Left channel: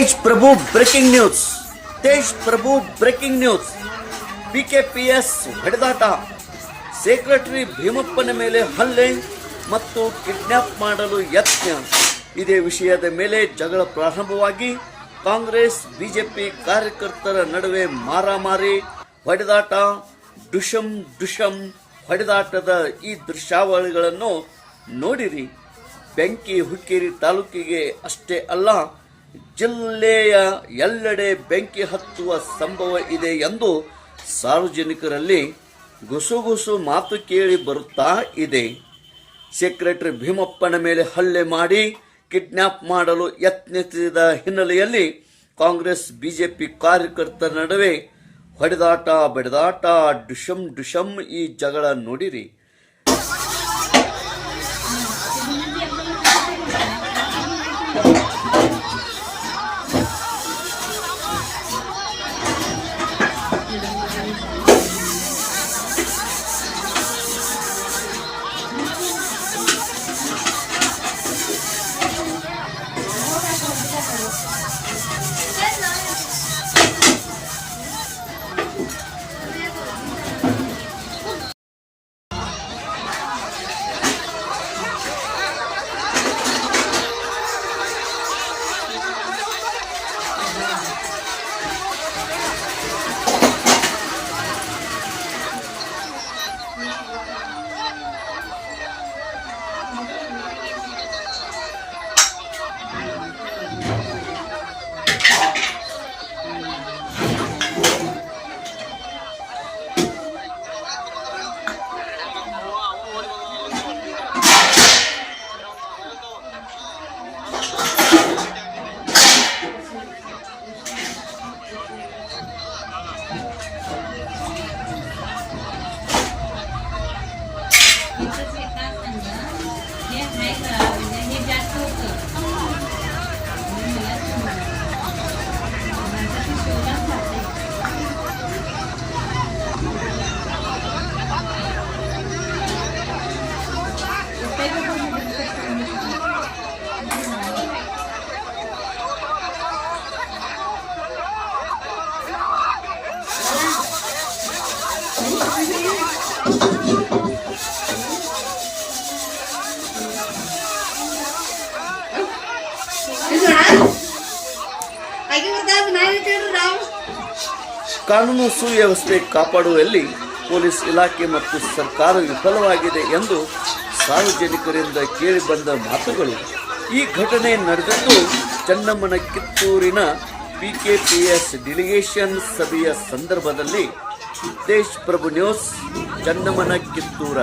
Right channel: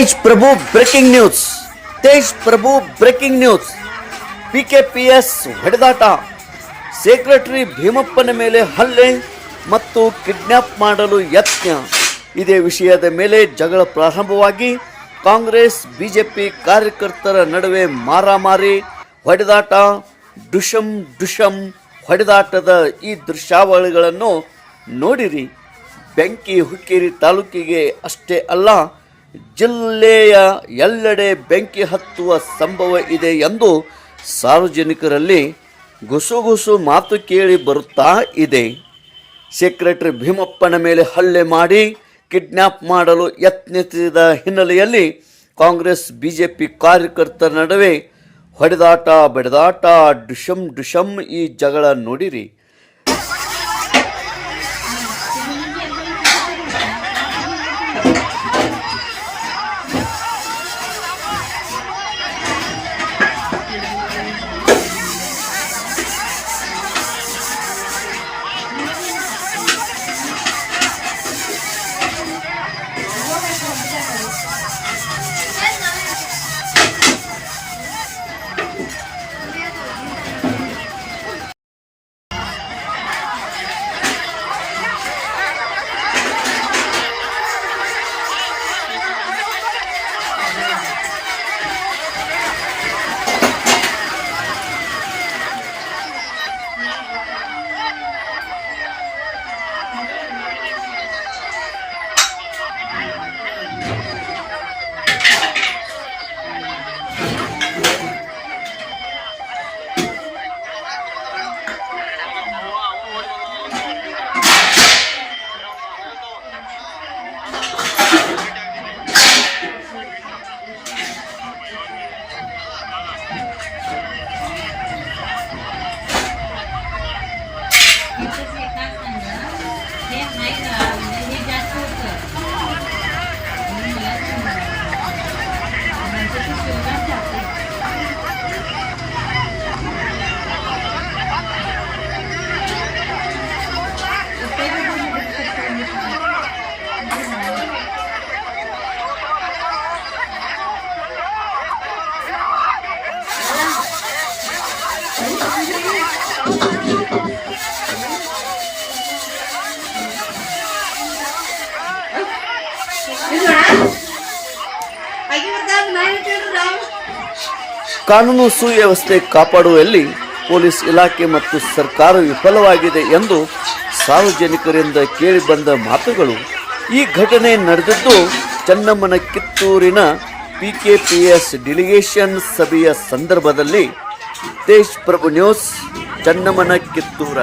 Prabhu breaking news. Tej Prabhu breaking news. PKPS ಹೊಡೆದಾಟ. Secretary ಭೀಮಪ್ಪನ ಮೇಲೆ ಹಲ್ಲೆ ಮತ್ತು ಕಿಡ್ನಾಪ್ ಮಾಡಲು ಯತ್ನ. ಇದೇ ವಿಷಯದ ಮೇಲೆ ಜಗಳ ಪ್ರಾರಂಭವಾಗಿ ಕಾಂಗ್ರೆಸ್ ಬಿಜೆಪಿ ಕಾರ್ಯಕರ್ತರ ನಡುವೆ ಮಾರಾಮಾರಿ, ಹೊಡೆದಾಟ, ಡುಷಂ ಡುಷಂ ಹೊಡೆದಾಟದ ಈ ದೃಶ್ಯಾವಳಿಗಳನ್ನು ನೋಡಿರಿ. ಬೆಂಕಿ ಹುಕ್ಕೇರಿ ತಾಲೂಕಿಗೆ ಅಷ್ಟೇ ಅಲ್ಲ ಜಿಲ್ಲೆಯ ಎಲ್ಲೆಡೆ ಬೆಂಕಿ ಹತ್ತುವ ಸಂಭವ ಇದೆ ಎಂದು ಸಾರ್ವಜನಿಕರಲ್ಲಿ ಗುಸುಗುಸು ಮಾತು ಕೇಳಿ ಬರುತ್ತಾ ಇದೆ. ಸೆಕ್ರೆಟರಿ ಭೀಮಪ್ಪನ ಮೇಲೆ ಹಲ್ಲೆ ಮಾಡಿ ಕಿಡ್ನ್ಯಾಪ್ ಮಾಡಲು ಯತ್ನಿಸಿದ ಹಿನ್ನೆಲೆಯಲ್ಲಿ ಕಾಂಗ್ರೆಸ್, ಬಿಜೆಪಿ ಕಾರ್ಯಕರ್ತರ ನಡುವೆ ಹೊಡೆದಾಟ, ಬಡಿದಾಟ ಡುಶಂ ಡುಶಂ ಈ ಜಗಳ ನೋಡಿರಿ. ಕಾನೂನು ಸುವ್ಯವಸ್ಥೆ ಕಾಪಾಡುವಲ್ಲಿ ಪೊಲೀಸ್ ಇಲಾಖೆ ಮತ್ತು ಸರ್ಕಾರ ವಿಫಲವಾಗಿದೆ ಎಂದು ಸಾರ್ವಜನಿಕರಿಂದ ಕೇಳಿಬಂದ ಮಾತುಗಳು ಈ ಘಟನೆ ನಡೆದಿದ್ದು ಚನ್ನಮ್ಮನ ಕಿತ್ತೂರಿನ ಎಸ್ ಡೆಲಿಗೇಷನ್ ಸಭೆಯ ಸಂದರ್ಭದಲ್ಲಿ. ದೇಶ್ ಪ್ರಭು ನ್ಯೂಸ್ ಚನ್ನಮ್ಮನ ಕಿತ್ತೂರ